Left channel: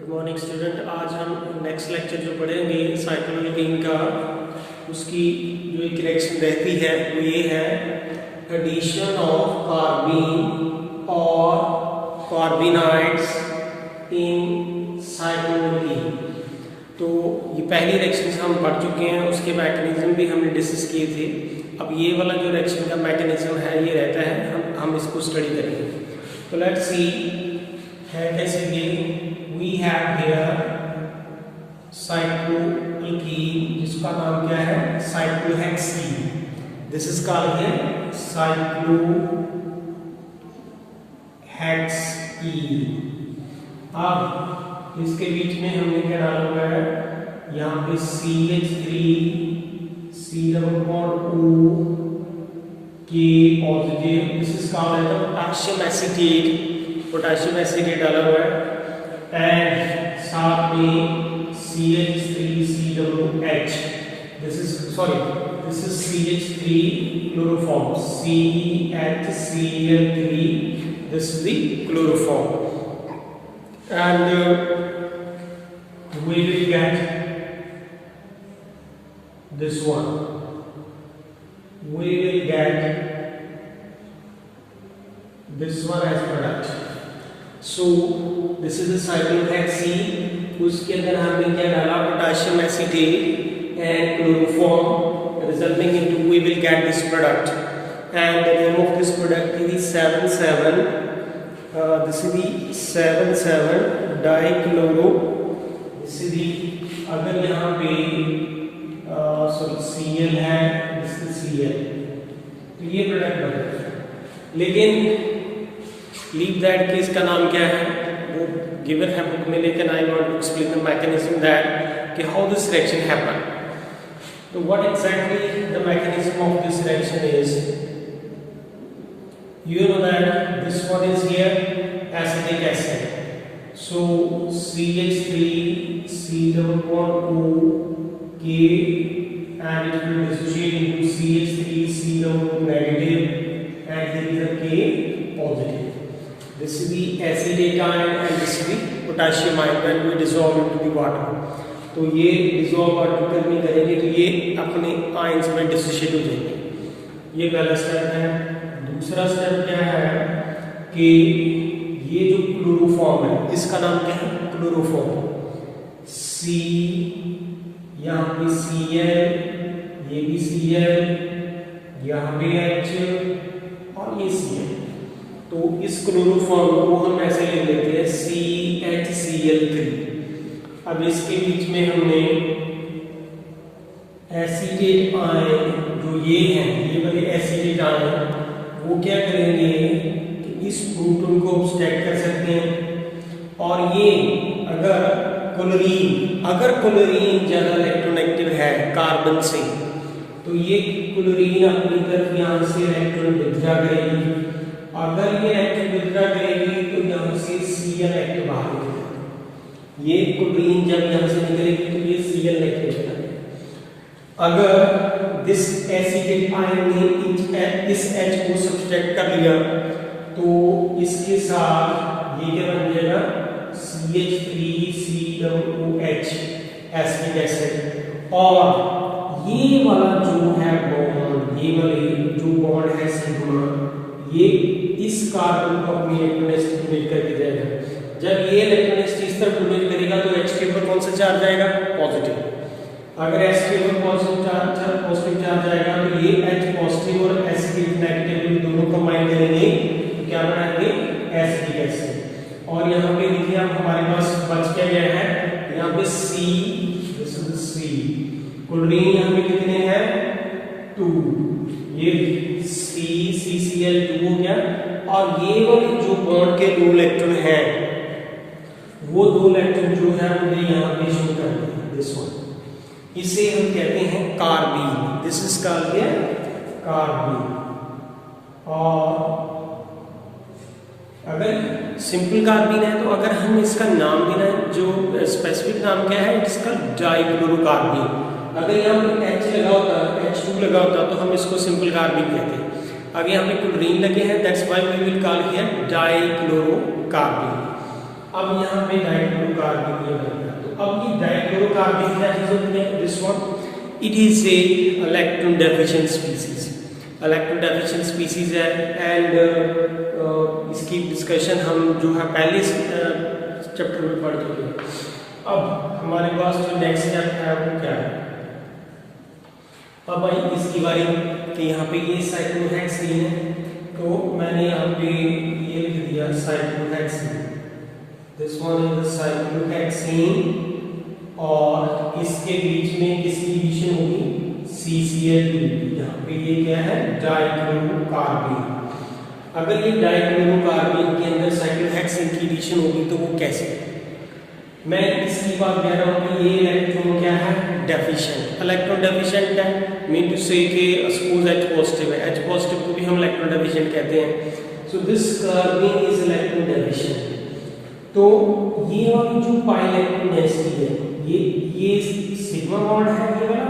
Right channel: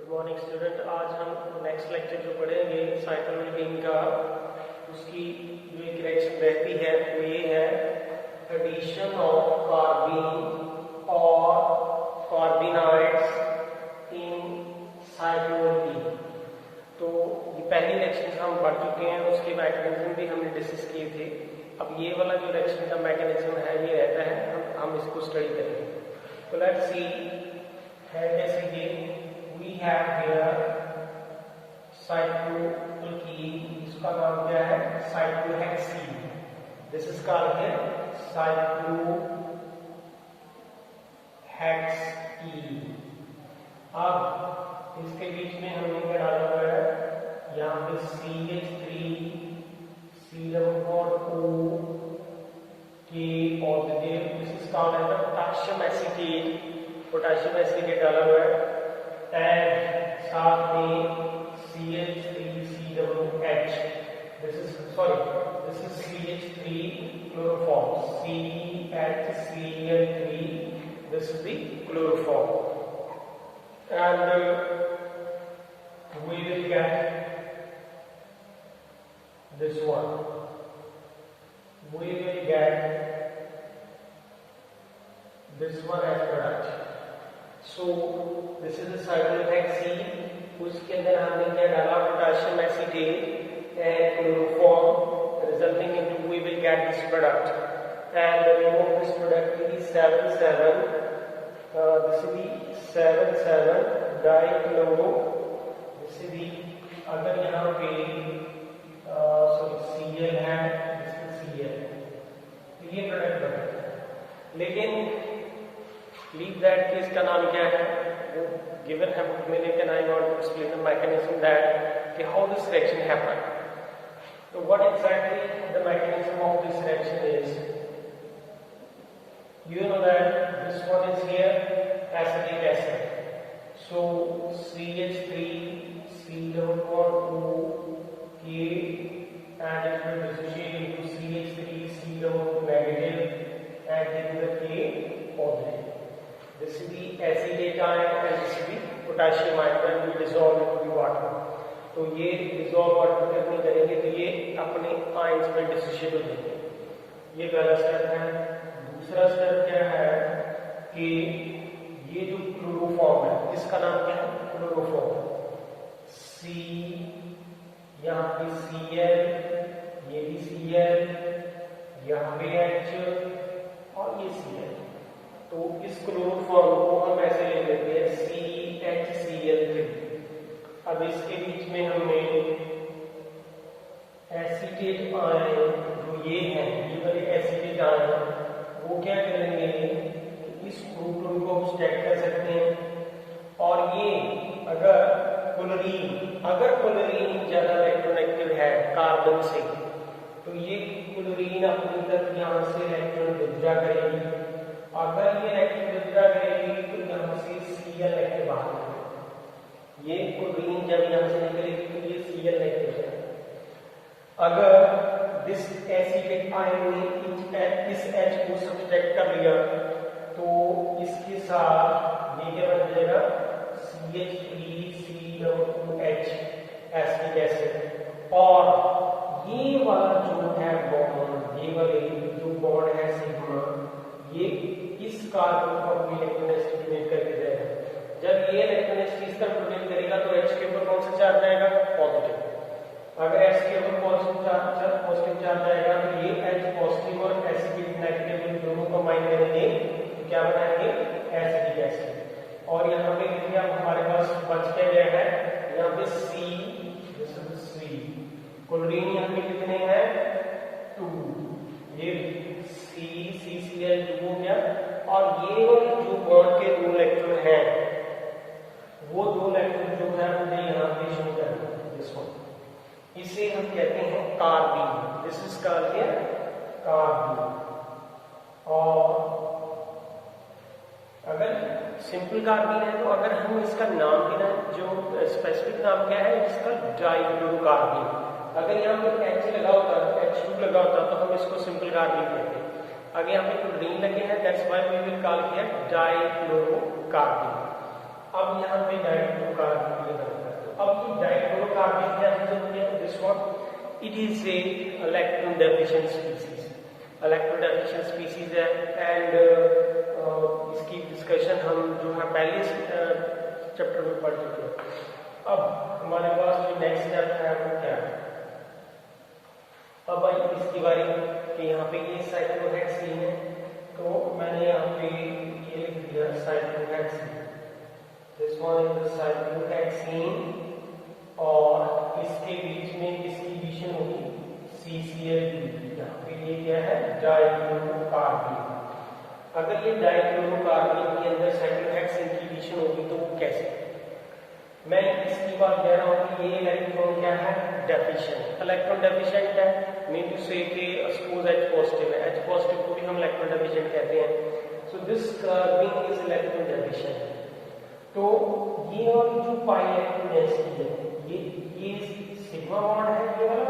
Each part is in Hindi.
Good morning student. आज हम नेक्स्ट लेक्चर जो पढ़ेंगे साइक्लोअल्कीन का, उसकी जो एक रिएक्शन रहती है वो ये है एडिशन ऑफ कार्बीन और कार्बिनाइड्स इन साइक्लोअल्कीन। तो ये पहली रिएक्शन हम पढ़ चुके हैं, उसके मैकेनिज्म भी हमने डिस्कस किए थे। अब ये वाला जो रिएक्शन का मैकेनिज्म है ये रहता है, हम इसको स्टडी करेंगे। तो लेट्स सी है कैसे we have here cycloalkene, जिसका नाम क्या है cyclohexene। This is called here cyclohexene। अब इसके बीच में हमने क्या डाला हुआ है, यहाँ पे CH3 C double bond O K positive, this is called as potassium acetate, potassium acetate डाला हुआ है, एंड साथ में CH3COOH, this is CH3 chloroform, CHCl3, this is the chloroform, and we will get this one, we will get this one as product. So this is the cyclohexene, उसके अंदर हमने क्या डाला, potassium acetate and chloroform, resulting into we will get this product, and the name of this product is 7,7 this is the 7,7 dichloro, this is the, अगर यहाँ पे Cl है, this is Cl, तो ये प्रोडक्ट बनेगा। लेकिन लीव दैट कि इसका नाम क्या है वो गिवन है बुक में, लेकिन I want to explain the mechanism that कि हाउ दिस रिएक्शन हैपन। तो what exactly the mechanism of this reaction is, you know that this one is here acetic acid, so CH3 C double bond O K, and it will dissociate into CH3 C double negative, and here is a K positive. This is the acetate ion and this is the potassium ion when we dissolve into the water. तो ये डिसॉल्व आर्टिकल में करेंगे तो ये अपने आयंस में डिसोशिएट हो जाएंगे। ये पहला स्टेप है। दूसरा स्टेप क्या है कि ये जो क्लोरोफॉर्म है इसका नाम क्या है, क्लोरोफॉर्म। C यहाँ पे Cl, ये भी Cl, यहाँ पे H और ये Cl। तो इस क्लोरोफॉर्म को हम ऐसे ले लेते हैं CHCl3। अब इसके बीच में हमने एसिटेट आयन जो ये हैं, ये वाले एसिटेट आयन वो क्या करेंगे कि इस प्रोटॉन को स्टैक कर सकते हैं, और ये अगर क्लोरीन ज्यादा इलेक्ट्रोनेगेटिव है कार्बन से, तो ये क्लोरीन अपनी तरफ यहाँ से इलेक्ट्रॉन विथड्रॉ करेगी। अगर ये इलेक्ट्रॉन विथड्रॉ करेगी तो यहाँ से Cl नेगेटिव बाहर निकलेगा। ये क्लोरीन जब यहाँ से निकलेगी तो ये Cl नेगेटिव है। अगर दिस एसिटेट आयन ने इस H को सब्सट्रैक्ट कर लिया तो इसके साथ ये क्या बन जाएगा, CH3COOH एसिटिक एसिड, और ये वाला जो है बॉन्ड, ये वाले जो बॉन्ड है सिग्मा, ये इस कार्बन को अपनी इलेक्ट्रोनेगेटिव डोनेट करके जाएगा। जब ये इलेक्ट्रोनेगेटिव इस तरफ डोनेट करेगा तो H के ऊपर कौन सा चार्ज आएगा, पॉजिटिव। अगर H के ऊपर पॉजिटिव चार्ज आएगा तो ये H पॉजिटिव और एसिड नेगेटिव दोनों कंबाइन करेंगे तो क्या बनाएंगे, एसिटिक एसिड। और यहाँ पे देखिए अब हमारे पास बच क्या गया है, यहाँ पे C, this is C, chlorine यहाँ पे कितने हैं, 2, ये CCl2 हो गया, और ये वाले जो बॉन्ड के 2 इलेक्ट्रॉन हैं वो 2 इलेक्ट्रॉन जो है उन्हें यहाँ पे शो कर दिया, दिस वन, इसे हम कहते हैं carbene. This is called carbene. और अगर सिंपल कार्बीन है तो अगर हम इसका नाम देना है, जो स्पेसिफिक नाम क्या है, इसका डाइक्लोरोकार्बीन। अगर यहाँ पे H लगा होता, H2 लगा होता तो हम इसको सिंपल कार्बीन कहते हैं। अगर यहाँ पे क्लोरीन लगे हैं, that's why we will call here dichlorocarbene. अब यहाँ पे डाइक्लोरोकार्बन ये बनेगा। तो अब ये डाइक्लोरोकार्बन क्या चीज होती है? This one it is a electron deficient species, electron deficient species है। एंड इसकी डिस्कशन हम जो है पहले चैप्टर में पढ़ चुके हैं। अब हमारे पास जो नेक्स्ट स्टेप है वो क्या है? अब भाई इसकी बारी कि यहाँ पे ये साइक्लोहेक्सीन है, तो मैंने यहाँ पे ये लिख दिया cyclohexene, this one is the cyclohexene, और इसके बीच में किसकी एडिशन होगी? CCl2। यहाँ पे ये क्या है? डाइक्लोरोकार्बन। अगर ये डाइक्लोरोकार्बन के अंदर साइक्लोहेक्सीन की एडिशन होगी तो वो कैसे? मैं इसकी बात कह रहा हूँ कि ये इलेक्ट्रॉन क्या है? डेफिशिएंट, इलेक्ट्रॉन डेफिशिएंट है, मीन टू से कि सपोज H पॉजिटिव है, H पॉजिटिव को भी हम इलेक्ट्रॉन डेफिशिएंट कहते हैं। So this carbon is electron deficient. तो ये वाली जो पाई इलेक्ट्रॉन डेंसिटी है, ये सिग्मा बॉन्ड है ये वाला,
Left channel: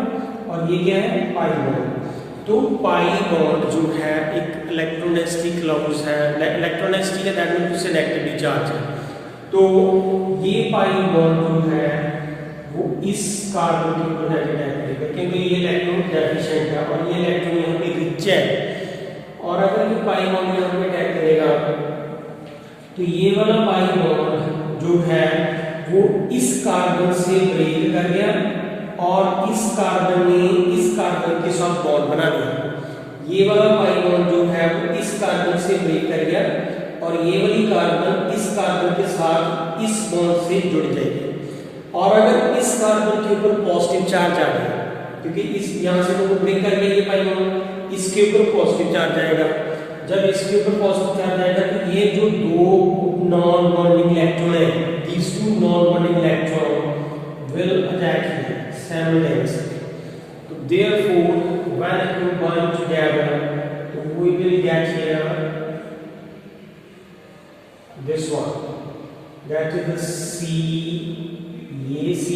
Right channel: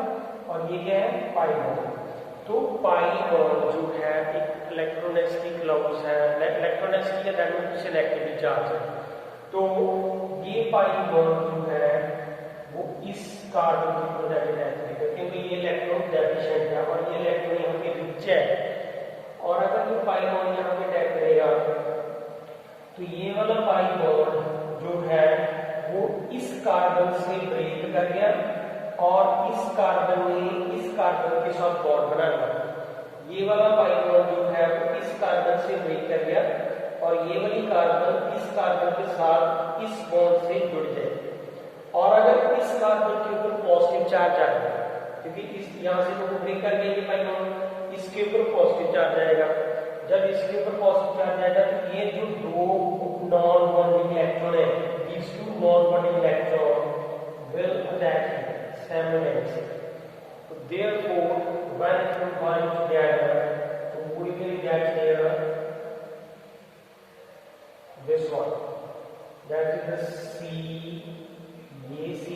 और ये क्या है? Pi bond. तो पाई बॉन्ड जो है एक इलेक्ट्रॉन डेंसिटी क्लोज है, इलेक्ट्रॉन डेंसिटी का दैट मींस उससे नेगेटिवली चार्ज है। तो ये पाई बॉन्ड जो है वो इस कार्बन के ऊपर जाके अटैक करेगा, क्योंकि ये इलेक्ट्रॉन डेफिशिएंट है और ये इलेक्ट्रॉन यहाँ पे रिच है। और अगर ये पाई बॉन्ड यहाँ पे अटैक करेगा तो ये वाला पाई बॉन्ड जो है वो इस कार्बन से ब्रेक कर गया और इस कार्बन ने इस कार्बन के साथ बॉन्ड बना दिया। ये वाला पाई बॉन्ड जो है वो इस कार्बन से ब्रेक कर गया और ये वाली कार्बन इस कार्बन के साथ इस बॉन्ड से जुड़ जाएगी। और अगर इस कार्बन के ऊपर पॉजिटिव चार्ज आ गया, क्योंकि इस यहाँ से तो ब्रेक कर गया ये पाई बॉन्ड, इसके ऊपर पॉजिटिव चार्ज आएगा। जब इसके ऊपर पॉजिटिव चार्ज आएगा तो ये जो दो नॉन बॉन्डिंग इलेक्ट्रॉन है, these two non-bonding electron will attack here simultaneously. So therefore, when it combine together, so we will get here this one, that is the C, ये C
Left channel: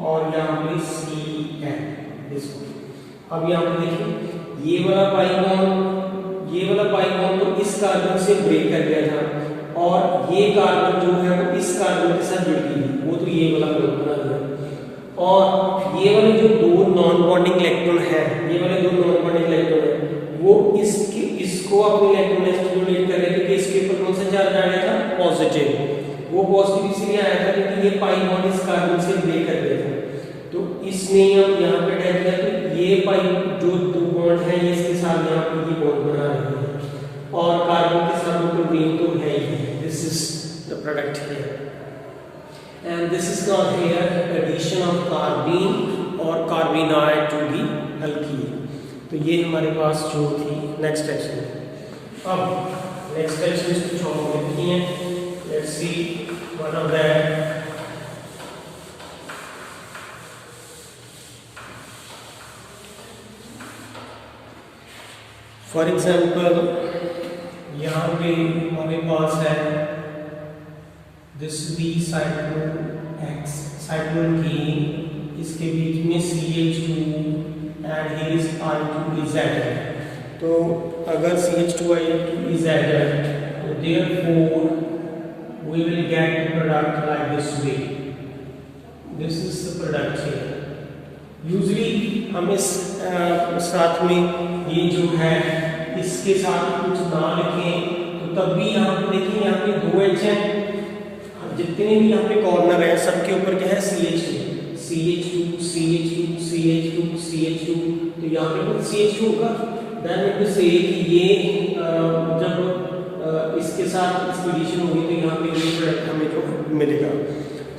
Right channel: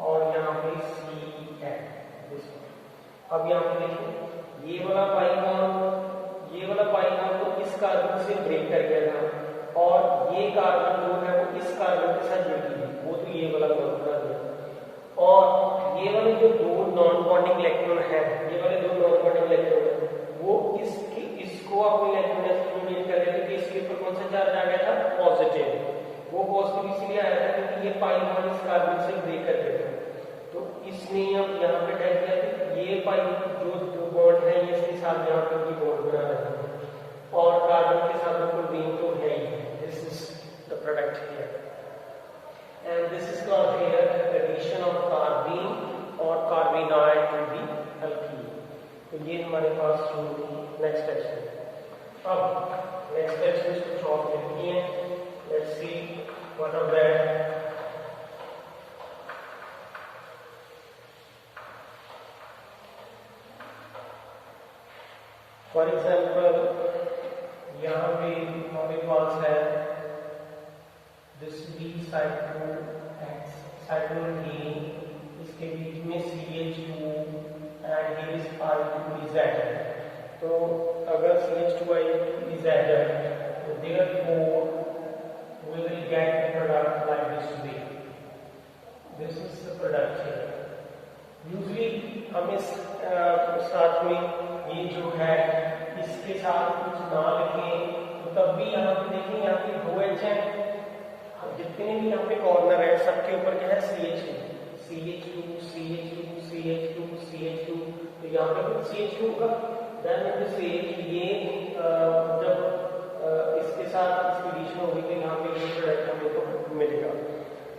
और यहाँ पे CN, this one. अब यहाँ पे देखिए ये वाला पाई बॉन्ड तो इस कार्बन से ब्रेक कर गया था और ये कार्बन जो है वो इस कार्बन के साथ जुड़ गई, वो तो ये वाला बॉन्ड बना दिया। और ये वाले जो दो नॉन बॉन्डिंग इलेक्ट्रॉन है, ये वाले दो नॉन बॉन्डिंग इलेक्ट्रॉन है, वो इसको अपने इलेक्ट्रॉन से स्टिमुलेट कर रहे हैं, क्योंकि इसके ऊपर कौन सा चार्ज आ गया था? पॉजिटिव। वो पॉजिटिव इसलिए आया था क्योंकि ये पाई बॉन्ड इस कार्बन से ब्रेक कर गया था। तो इसने अब यहाँ पे अटैक किया तो ये पाई जो दो बॉन्ड है ये इसके साथ यहाँ पे ये बॉन्ड बना रहे हैं और कार्बन के साथ क्लोरीन तो है ही है। This is the product here, and this is called here addition of carbene or carbonate to the alkene. तो ये हमारे पास जो थी नेक्स्ट एक्शन। अब नेक्स्ट एक्शन कुछ और लिखी हैं, let's see one of them. For example, यहाँ पे हमारे पास है दिस बी साइक्लोहेक्सीन, इसके बीच में CH2 and here is R2 is added। तो अगर CH2 is added तो therefore we will get the product like this way, this is the product here। Usually हम इस साथ में ये जो है इसके साथ कुछ ना लिखें तो तब भी यहाँ पे देखिए यहाँ पे दो H हैं, जितने भी यहाँ पे कॉर्नर है सबके ऊपर क्या है? CH2, तो यहाँ पे कुछ CH2 होगा। देन इट विल से कि ये जब इसके साथ इसकी एडिशन होगी तो यहाँ पे ये प्रोडक्ट हमें जो मिलेगा।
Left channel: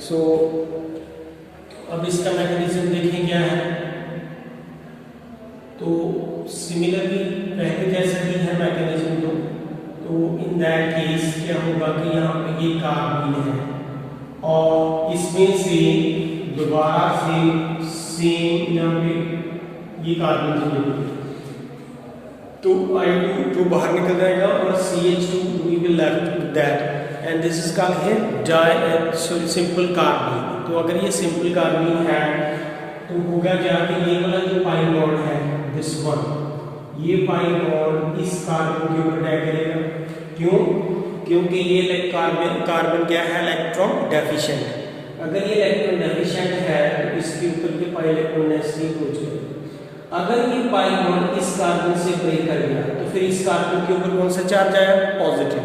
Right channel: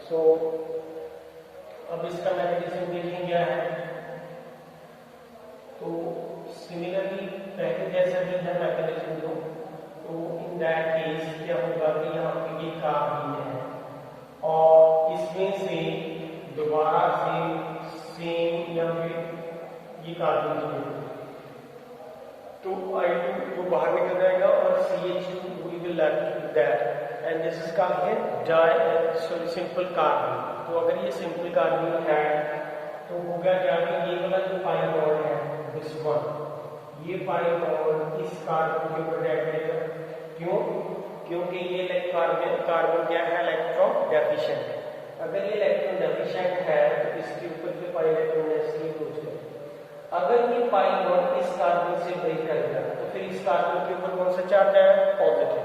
सो अब इसका मैकेनिज्म देखें क्या है। तो सिमिलरली पहले जैसा ही है मैकेनिज्म, तो इन दैट केस क्या होगा कि यहाँ पे ये कार्बन है और इसमें से दोबारा से सेम यहाँ पे ये कार्बन जुड़ेगा, तो I2 जो बाहर निकल जाएगा और CH2 we will left that and this is called है सिंपल कार्बन। तो अगर ये सिंपल कार्बन है तो होगा क्या कि ये वाला जो पाई बॉन्ड है दिस वन, ये पाई बॉन्ड इस कार्बन के ऊपर अटैक करेगा। क्यों? क्योंकि ये कार्बन क्या है, इलेक्ट्रॉन डेफिशिएंट। अगर ये इलेक्ट्रॉन डेफिशिएंट है तो इसके ऊपर के पाई इलेक्ट्रॉन नेगेटिव हो जाएगा। अगर ये पाई बॉन्ड इस कार्बन से ब्रेक कर गया तो फिर इस कार्बन के ऊपर कौन सा चार्ज आया, पॉजिटिव।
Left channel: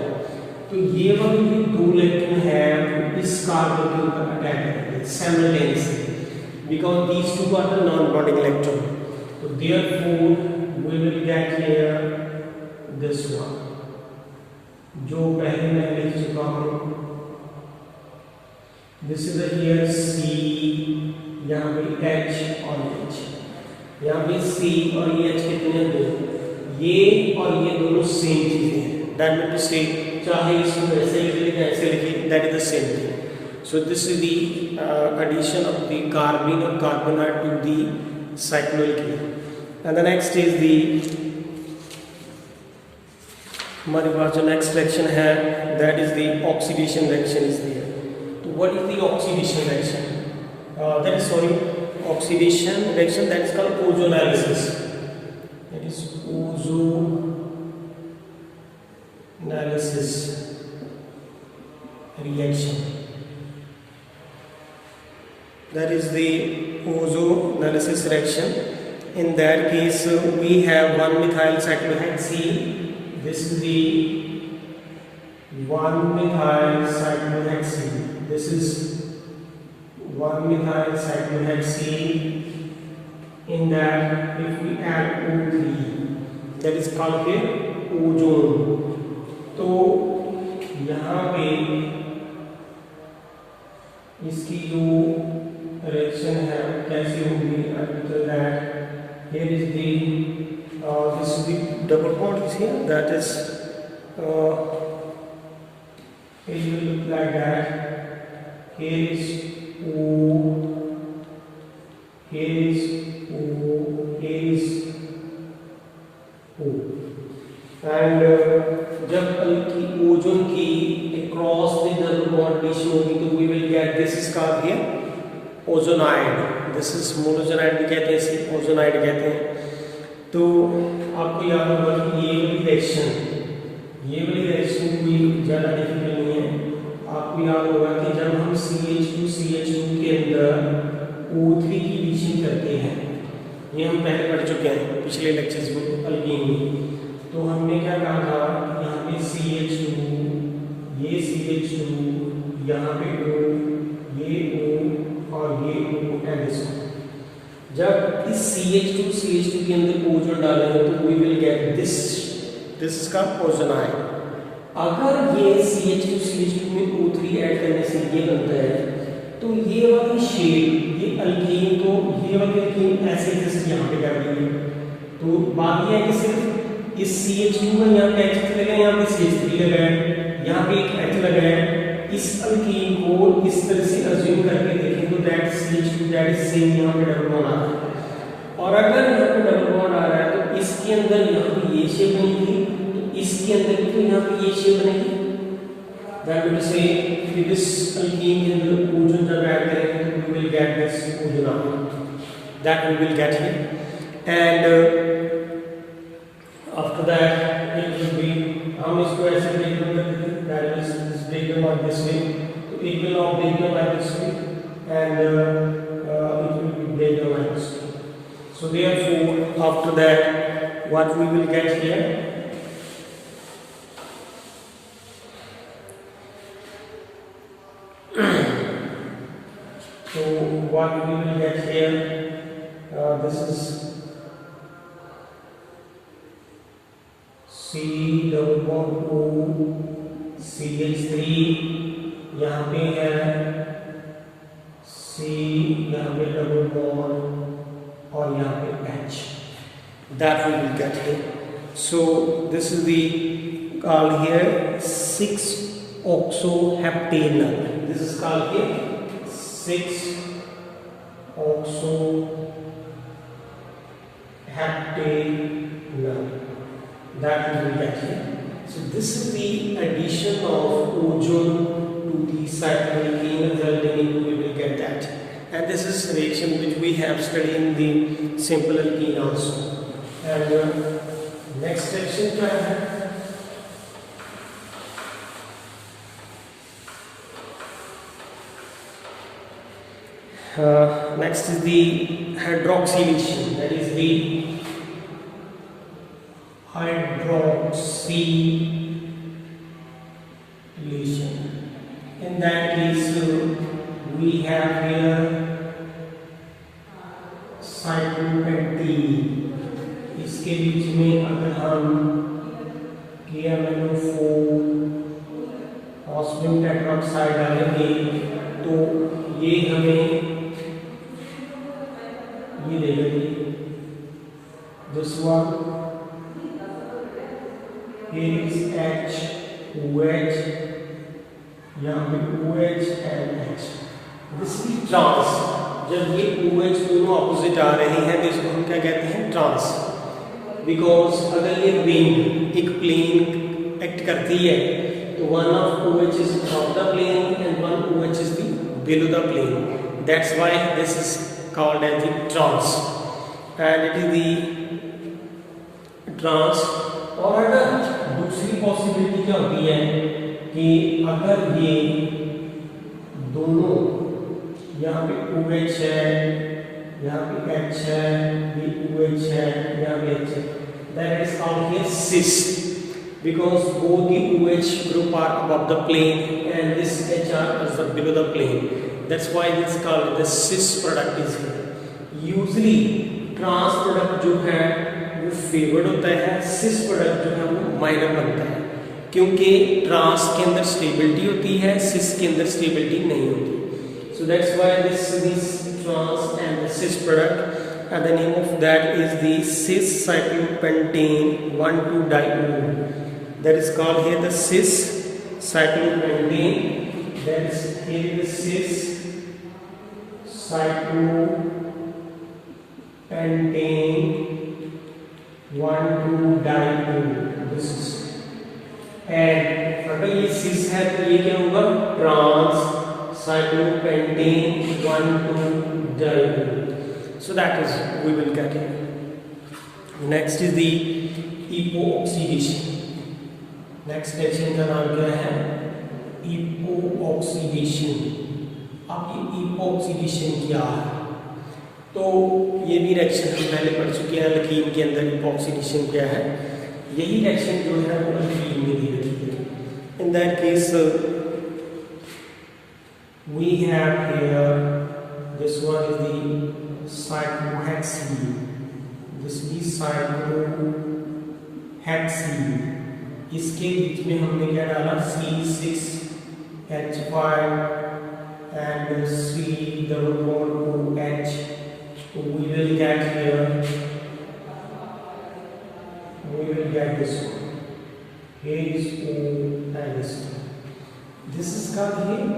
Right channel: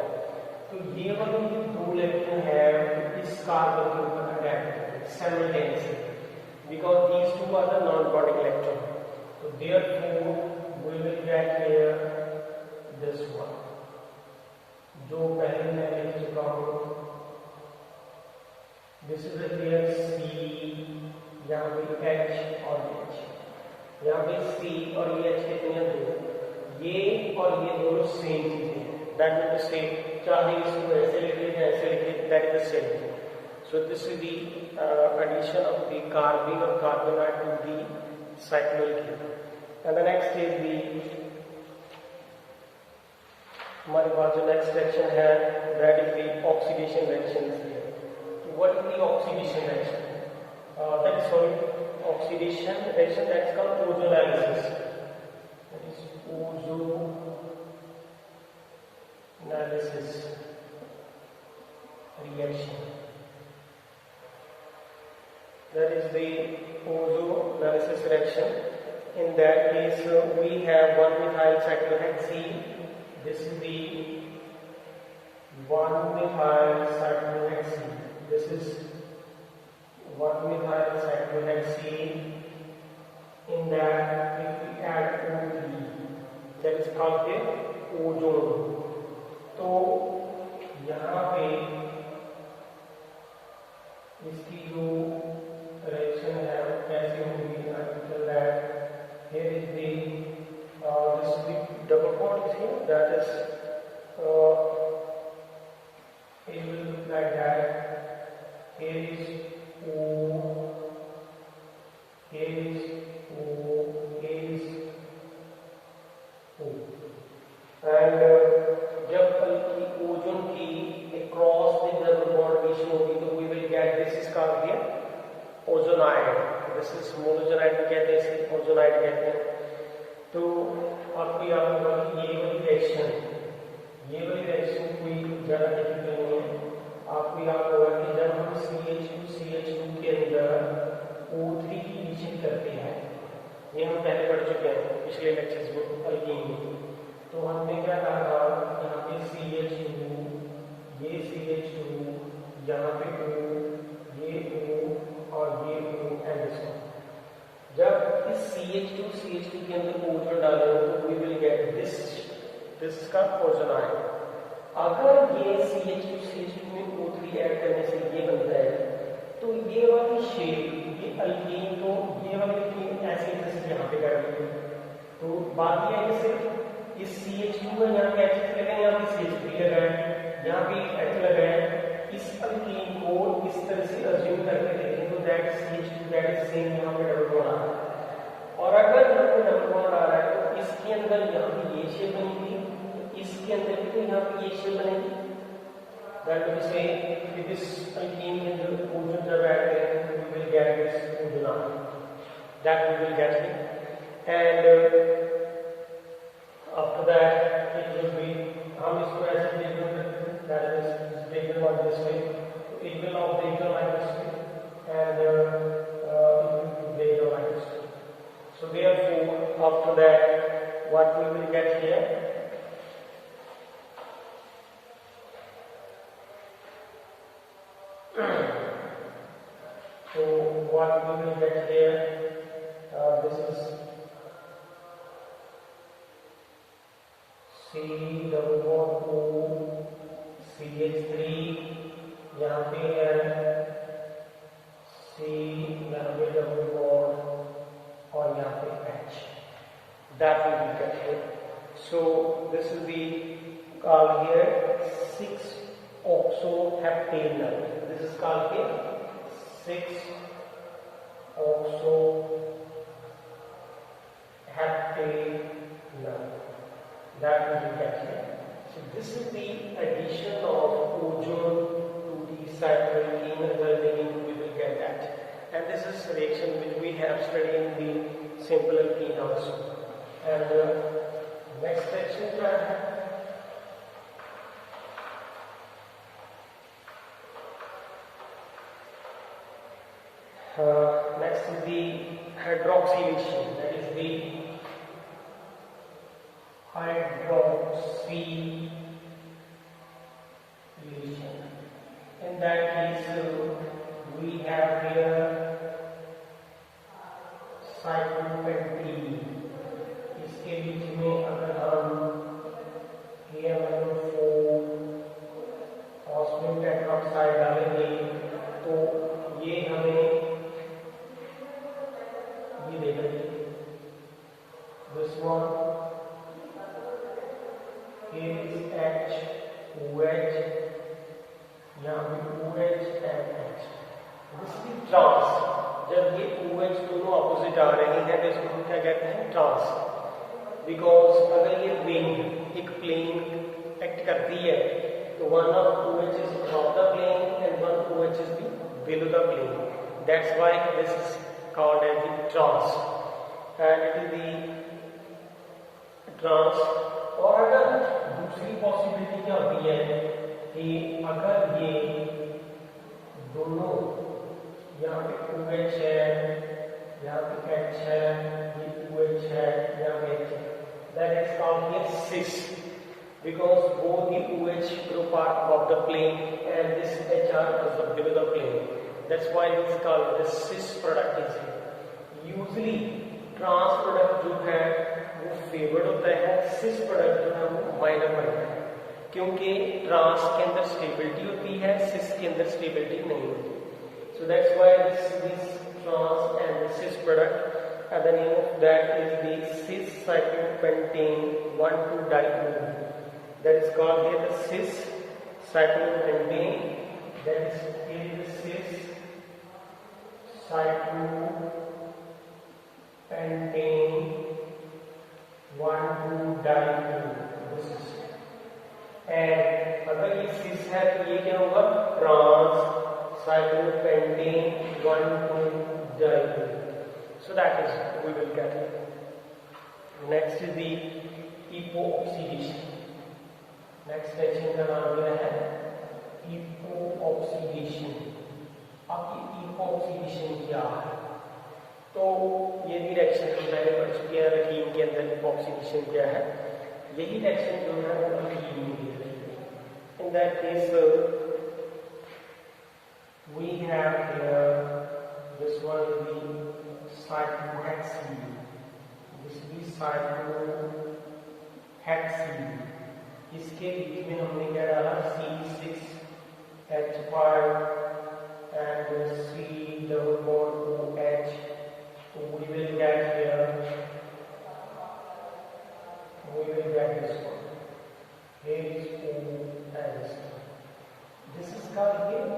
तो ये वाले जो दो इलेक्ट्रॉन है इस कार्बन के ऊपर अटैक करेंगे simultaneously because these two are the non-bonding electron. So therefore we will get here this one, जो पहले मैं लिख चुका हूँ। This is here C, यहाँ पे H और H, यहाँ पे C और ये H कितने दो, ये और ये दोनों सेम चीजें हैं। That means to say, चाहे इसको ऐसे लिख लें ऐसे लिखें, that is the same thing. So this is the addition of the carbene or carbonate to the cycloyl chain. And the next is the हमारे पास जो next reaction है, that is the oxidation reaction is there. So what is the oxidation reaction? That is oxidation reaction that is called ozonolysis. That is ozonolysis reaction. That is the ozonolysis reaction. In that case, we have 1-methyl cyclohexene. This is the 1-methyl cyclohexene. This is 1-methyl cyclohexene. In that, if we add O3, that is called ozone. तो यहाँ पे इसकी जो reaction है कैसे होगी, I will tell that. Here is the this is the double bond is here, that is it will look like that. Here is O, here is O, here is O, and जब की ओजोन की across the double bond addition होगी तो we will get this is called here ozonide. This is molozonide भी कहते हैं, इसे ओजोनाइड कहते हैं। तो आपको याद होगा कि ये वाली रिएक्शन कोई ज़्यादा डिफिकल्ट नहीं है। आपको याद होगा कि जब हम CH2 के अंदर O3 की एडिशन करते हैं, ये हम पहले पढ़ चुके हैं पिछले लेक्चर्स में अल्कीन में। तो हमने क्या कहा था, यहाँ पे CH2, ये CH2, यहाँ पे O, ये O और ये O and this one। जब इस CH2 के अंदर ओजोन डालेंगे तो we will get this is called ozonide. अगर ये CH2 में O3 ऐड करने से ये बनता है तो ये वाली शेप, ये अल्कीन को ये वाली अल्कीन ऐसे जैसे यहाँ पे कर दी है। तो बात ये है कि सिर्फ इस CH2 में यहाँ पे H लगा है, यहाँ पे CH3 लगा है, यहाँ पे एक H लगा है। इस अल्कीन को इस तरह से अज्यूम करके देखें तो that CH2 that is same, यहाँ पे डबल बॉन्ड आ रहा है। और अगर यहाँ पे डबल बॉन्ड आ रहा है तो इसके अंदर यहाँ पे ये शेप बनेगी, तो इसके अंदर भी तो यहाँ पे ये शेप बनेगी। दैट विल से कि दिस अल्कीन के अंदर ओजोन जब ऐड करेंगे तो we will get this ozonide, that we will get here. And after that it will be, हम इसको ऐसे ब्रेक डाउन कर देते हैं, that is break them like this way. So it will now break them like this way, and it will be break them like this way. So therefore, after that, what we will get here? So what we will get here? This is C double bond O CH3, यहाँ पे है C, यहाँ पे डबल बॉन्ड और यहाँ पे H, that we will get here. So this is the called here 6-oxoheptanol. This is called here 6-oxoheptanol, that we will get here. So this is the addition of ozone to the cycloyl chain, resulting in we will get that. And this is reaction which we have studied in the simple alkene also. And next reaction क्या है? Next is the hydroxylation, that is the hydroxylation. In that case we have here साइक्लोपेंटीन, इसके बीच में अगर हम KMnO4 ऑस्मियम टेट्राऑक्साइड डालेंगे तो ये हमें ये देगा, this one here is H OH, यहाँ पे OH and H, this is trans. जब ये OH दोनों ऑपोजिट आ रहे हैं तो इसको हम क्या कहते हैं, ट्रांस। बिकॉज अगर ये रिंग एक प्लेन एक्ट करती है तो one of OH is above the plane and one OH is below the plane, that's why this is called as the trans, and it is the trans। और अगर दूसरी पॉसिबिलिटी क्या होती है कि अगर ये दोनों, यहाँ पे OH है, यहाँ पे H है, भी OH है, यहाँ पे H है, then it is called here cis, because both the OH group are above the plane and this HR is below the plane, that's why this is called the cis product is here। usually trans product जो है वो फेवर्ड होता है, सिस प्रोडक्ट जो है वो माइनर बनता है, क्योंकि ट्रांस के अंदर स्टेबिलिटी होती है, सिस के अंदर स्टेबिलिटी नहीं होती। So that's why this trans and the cis product, and the name of that is the cis cyclopentane 1,2-diol, that is called here the cis cyclopentane, that is here the cis cyclopentane 1,2-diol, this is, and अगर ये cis है तो ये क्या होगा, trans cyclopentane 1,2-diol, so that is we will get it। next is the epoxidation, next reaction का नाम क्या है, epoxidation। अब ये epoxidation क्या है, तो ये भी रिएक्शन हम पहले पढ़ चुके हैं, अल्कीन के अंदर epoxidation क्या है, यही रिएक्शन जो है वो अल्कीन में दी गई है। In that case we have here, this one is the cyclohexene, this is cyclohexene, इसके बीच में हमने क्या डाला, C6H5 and C-double-bond-OH, so we will get here, we will get this one, here is O and this one, this is called here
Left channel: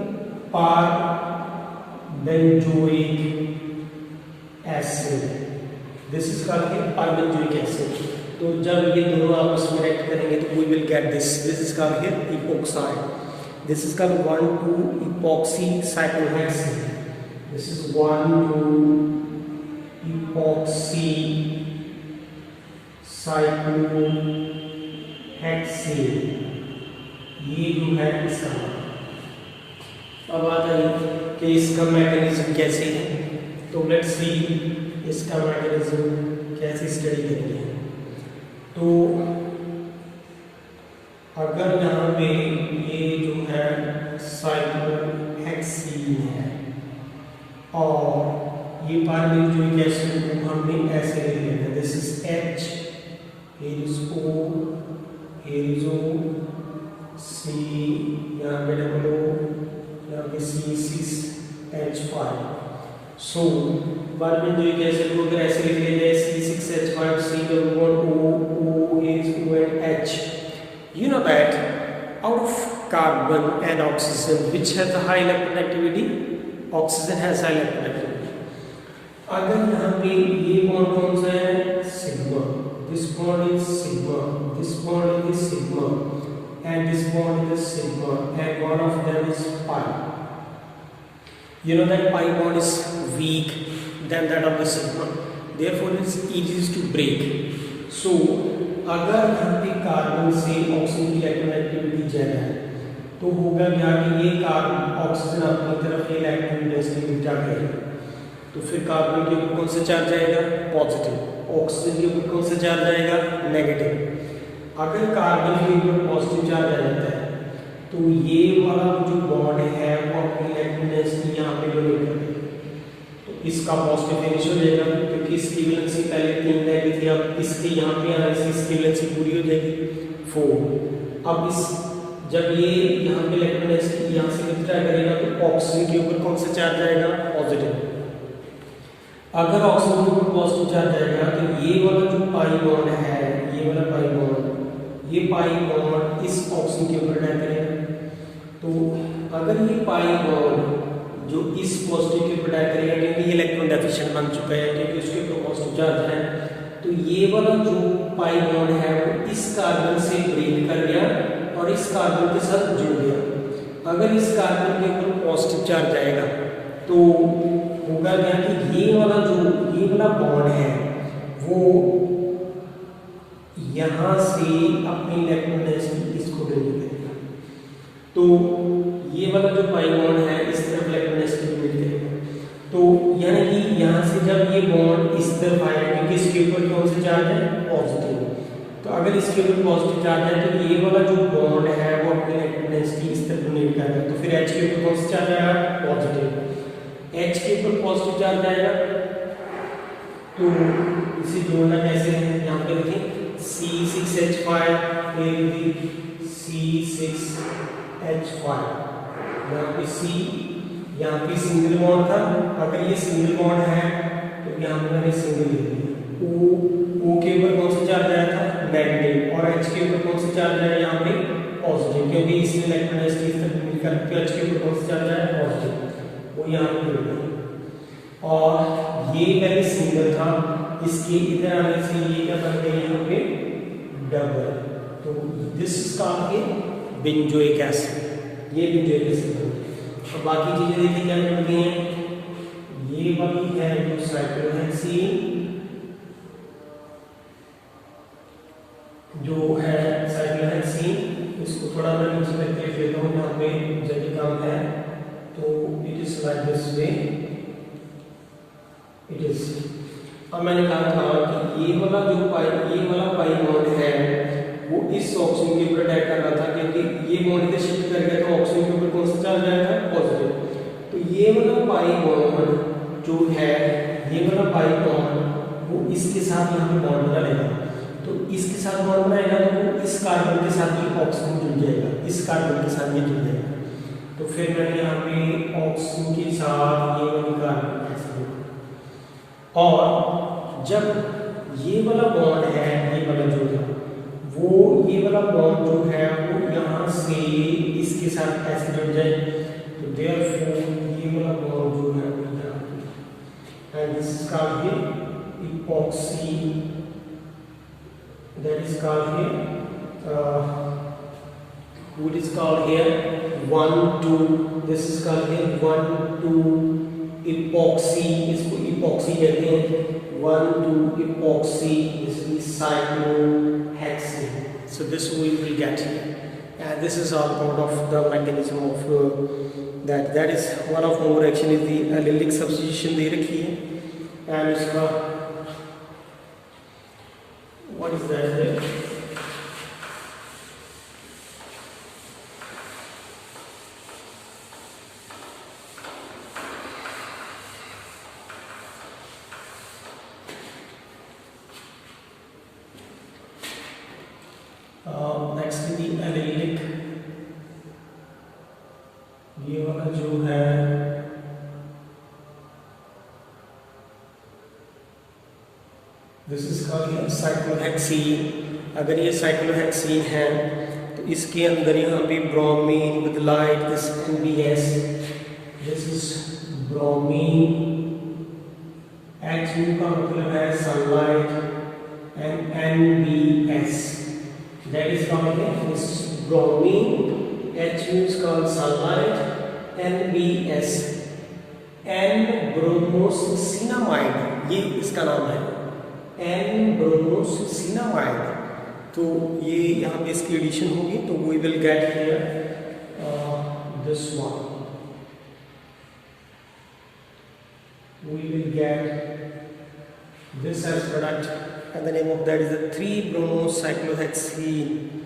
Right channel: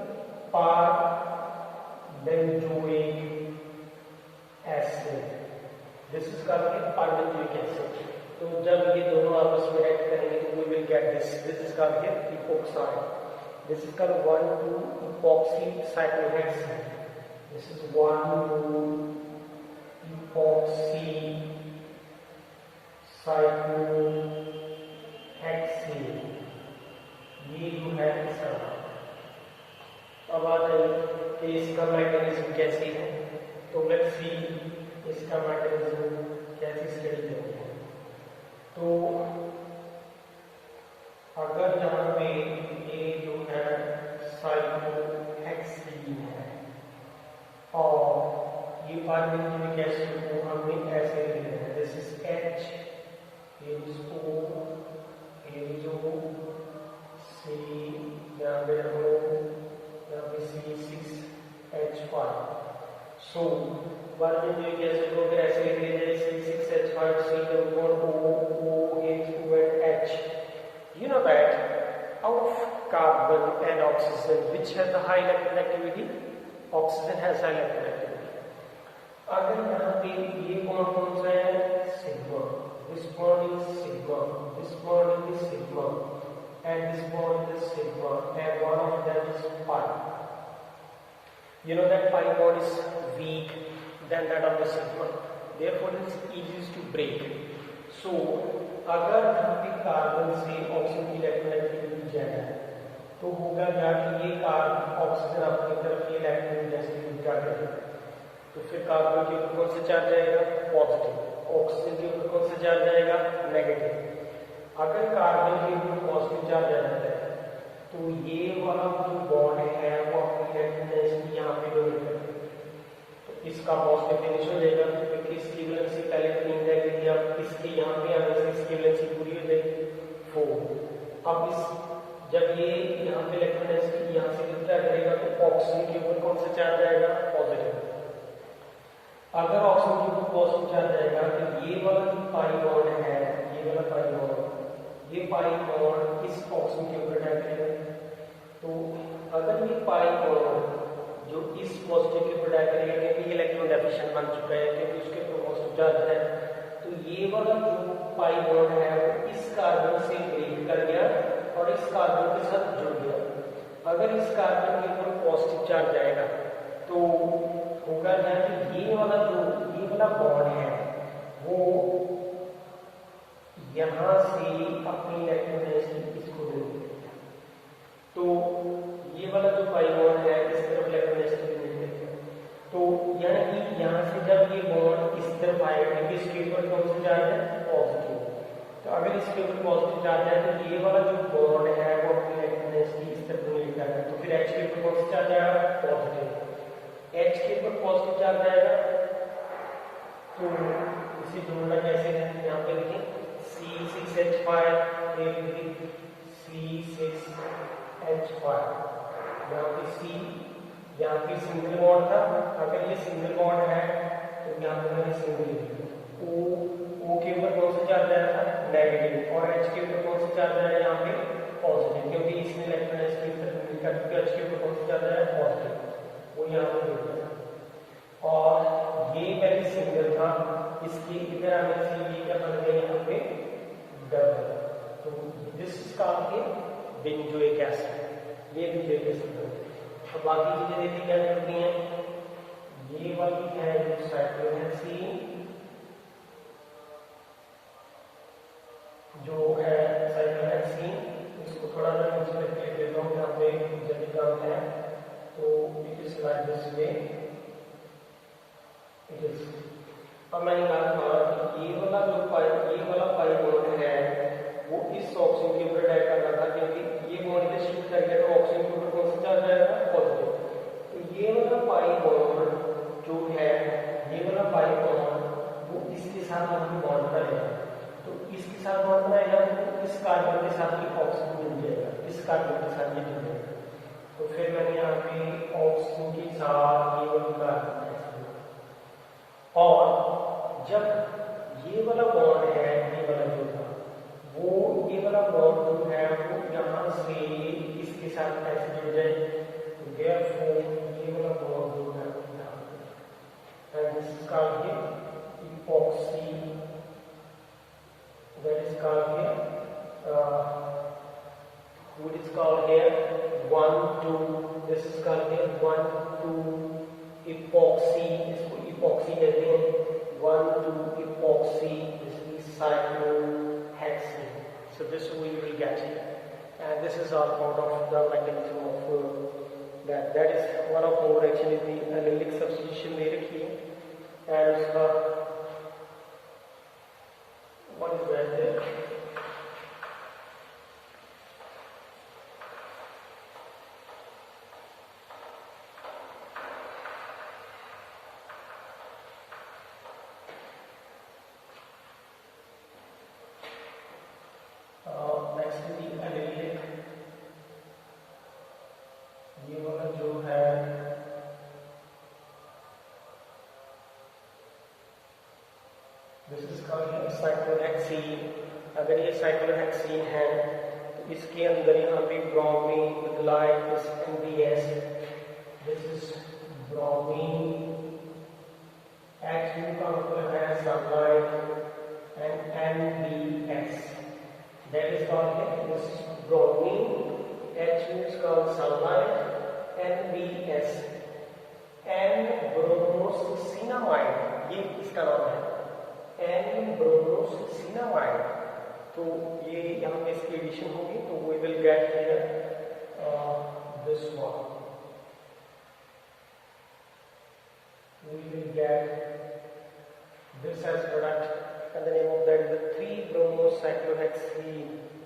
par-benzoic acid, this is called par-benzoic acid। तो जब ये दोनों आपस में रिएक्ट करेंगे तो we will get this is called here epoxide, this is called 1,2-epoxy cyclohexene, this is 1,2-epoxy cyclohexene, ये जो है इसका। अब आता है कि इसका मैकेनिज्म कैसे है, तो लेट्स सी इसका मैकेनिज्म कैसे स्टडी करेंगे। तो अगर यहाँ पे ये जो है साइक्लोहेक्सीन है और ये पारबेंजोइक एसिड को हमने ऐसे ले लिया है, this is H, here is O, here is O, C, यहाँ पे डबल O, यहाँ पे C6H5। सो पारबेंजोइक एसिड को अगर ऐसे लिख लेते हैं C6H5, C-double-bond-O, O is O and H। You know that out of carbon and oxygen, which has the high electronegativity? Oxygen has high electronegativity। अगर यहाँ पे ये बॉन्ड कौन सा है, sigma, this bond is sigma, this bond is sigma, and this bond is sigma, and one of them is pi। You know that pi bond is weak than that of the sigma, therefore it is easy to break। So अगर यहाँ पे कार्बन से ऑक्सीजन की इलेक्ट्रोनेगेटिविटी ज़्यादा है तो होगा क्या कि ये कार्बन ऑक्सीजन अपनी तरफ ये इलेक्ट्रॉन डेंसिटी उल्टा करेगा, तो फिर कार्बन के ऊपर कौन सा चार्ज आएगा, पॉजिटिव, ऑक्सीजन के ऊपर कौन सा चार्ज आएगा, नेगेटिव। अगर कार्बन के ऊपर पॉजिटिव चार्ज आ जाता है तो ये वाला जो बॉन्ड है वो अपनी इलेक्ट्रॉन डेंसिटी यहाँ पे डोनेट कर देगा, तो इसका पॉजिटिव फिनिश हो जाएगा क्योंकि इसकी वैलेंसी पहले 3 रह गई थी, अब इसके यहाँ पे आने से इसकी वैलेंसी पूरी हो जाएगी 4। अब इस जब ये यहाँ पे इलेक्ट्रॉन डेंसिटी यहाँ से विथड्रॉ करेगा तो ऑक्सीजन के ऊपर कौन सा चार्ज आएगा, पॉजिटिव। अगर ऑक्सीजन के ऊपर पॉजिटिव चार्ज आएगा तो ये वाला जो पाई बॉन्ड है, ये वाला पाई बॉन्ड, ये पाई बॉन्ड इस ऑक्सीजन के ऊपर अटैक करेगा। तो अगर ये पाई बॉन्ड जो इस पॉजिटिव के ऊपर अटैक करेगा क्योंकि ये इलेक्ट्रॉन डेफिशिएंट बन चुका है क्योंकि उसके ऊपर पॉजिटिव चार्ज है, तो ये वाला जो पाई बॉन्ड है वो इस कार्बन से ब्रेक कर गया और इस कार्बन के साथ जुड़ गया। अगर इस कार्बन के ऊपर पॉजिटिव चार्ज आएगा तो होगा क्या कि ये वाला बॉन्ड है वो यहाँ से अपनी इलेक्ट्रॉन डेंसिटी इसको ब्रेक करेगा, तो ये वाला जो पाई बॉन्ड है इस तरफ इलेक्ट्रॉन डेंसिटी ब्रेक करेगा। तो यानी कि यहाँ से जब ये बॉन्ड इस तरफ आएगा क्योंकि इसके ऊपर कौन सा चार्ज है, पॉजिटिव, तो अगर इसके ऊपर पॉजिटिव चार्ज है तो ये वाला जो बॉन्ड है वो अपनी इलेक्ट्रॉन डेंसिटी इस तरफ ब्रेक करेगा, तो फिर H के ऊपर कौन सा चार्ज आएगा, पॉजिटिव। H के ऊपर पॉजिटिव चार्ज आएगा तो इसे जोड़ना कैसे है, यहाँ पे लिखें C6H5 फिर भी C6H5, यहाँ पे C, यहाँ पे सिंगल बॉन्ड था, अगर ये सिंगल बॉन्ड है तो यहाँ पे मैंने सिंगल लिख दिया। O के ऊपर कौन सा चार्ज आया था, नेगेटिव, और H के ऊपर कौन सा चार्ज आया यहाँ पे, पॉजिटिव, क्योंकि इसमें इलेक्ट्रॉन डेंसिटी करके H के ऊपर कौन सा चार्ज आया, पॉजिटिव, वो यहाँ पे जुड़ गया। और ये पहले सिंगल था, इसके इधर आने से ये क्या बन गया यहाँ पे डबल, तो this is called a benzoic acid, ये बेंजोइक एसिड है। अब बाकी चीजें देखिए क्या करती हैं, ये वाली है जो साइक्लोहेक्सीन, जो है साइक्लोहेक्सीन, इसको थोड़ा मैं नीचे तक लिख लेता हूँ यहाँ पे जल्दी काम है, तो it is like this way, it is. अब मैंने कहा था कि ये वाला पाई बॉन्ड है वो इस ऑक्सीजन के ऊपर अटैक कर रहा था क्योंकि ये बॉन्ड इधर शिफ्ट कर गया तो ऑक्सीजन के ऊपर कौन सा चार्ज आएगा, पॉजिटिव। तो ये वाला पाई बॉन्ड जो है, ये वाला पाई बॉन्ड वो इसके साथ यहाँ पे बॉन्ड बनेगा, तो इसके साथ बॉन्ड बनाएगा तो वो इस कार्बन के साथ ही ऑक्सीजन जुड़ जाएगा, इस कार्बन के साथ ये जुड़ जाएगा, तो फिर मैंने यहाँ पे ऑक्सीजन के साथ ये वाली कार्बन ऐसे, और जब ये वाला बॉन्ड है, ये वाला जो था वो, ये वाला बॉन्ड जो है वो यहाँ से इसके साथ ऐसे जुड़ जाए, तो देयरफॉर ये वाला बॉन्ड जो है वो यहाँ पे, and this is called here epoxy, that is called here what is called here 1,2, this is called here 1,2 epoxy, इसको epoxy कहते हैं, 1,2 epoxy, this is cyclohexane. So this we will get here, and this is all part of the mechanism of that is one of more reaction is the allylic substitution दे रखी है, and इसका what is that next the allylic, ये वाला जो है दिस इज कॉल्ड साइक्लोहेक्सीन। अगर ये साइक्लोहेक्सीन है तो इसके अंदर यहाँ पे bromine with light, this NBS, this is bromine, H2 का मतलब है sunlight, and NBS, that is called this bromine, H2 is called sunlight, NBS, N-bromoscinamide, ये इसका नाम है, N-bromoscinamide, तो ये यहाँ पे इसकी एडिशन होगी तो we will get here this one, we will get this as product, and the name of that is the 3-bromocyclohexene.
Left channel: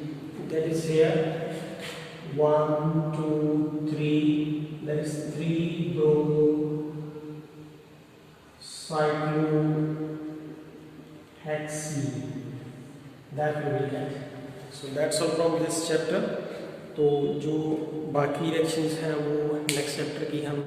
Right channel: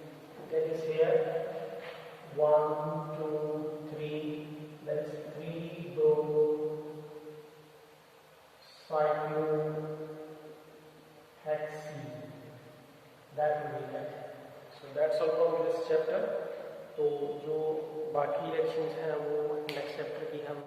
that is here 1 2 3, that is 3-bromocyclohexene, that we will get. So that's all from this chapter. तो जो बाकी रिएक्शंस हैं वो नेक्स्ट चैप्टर की हम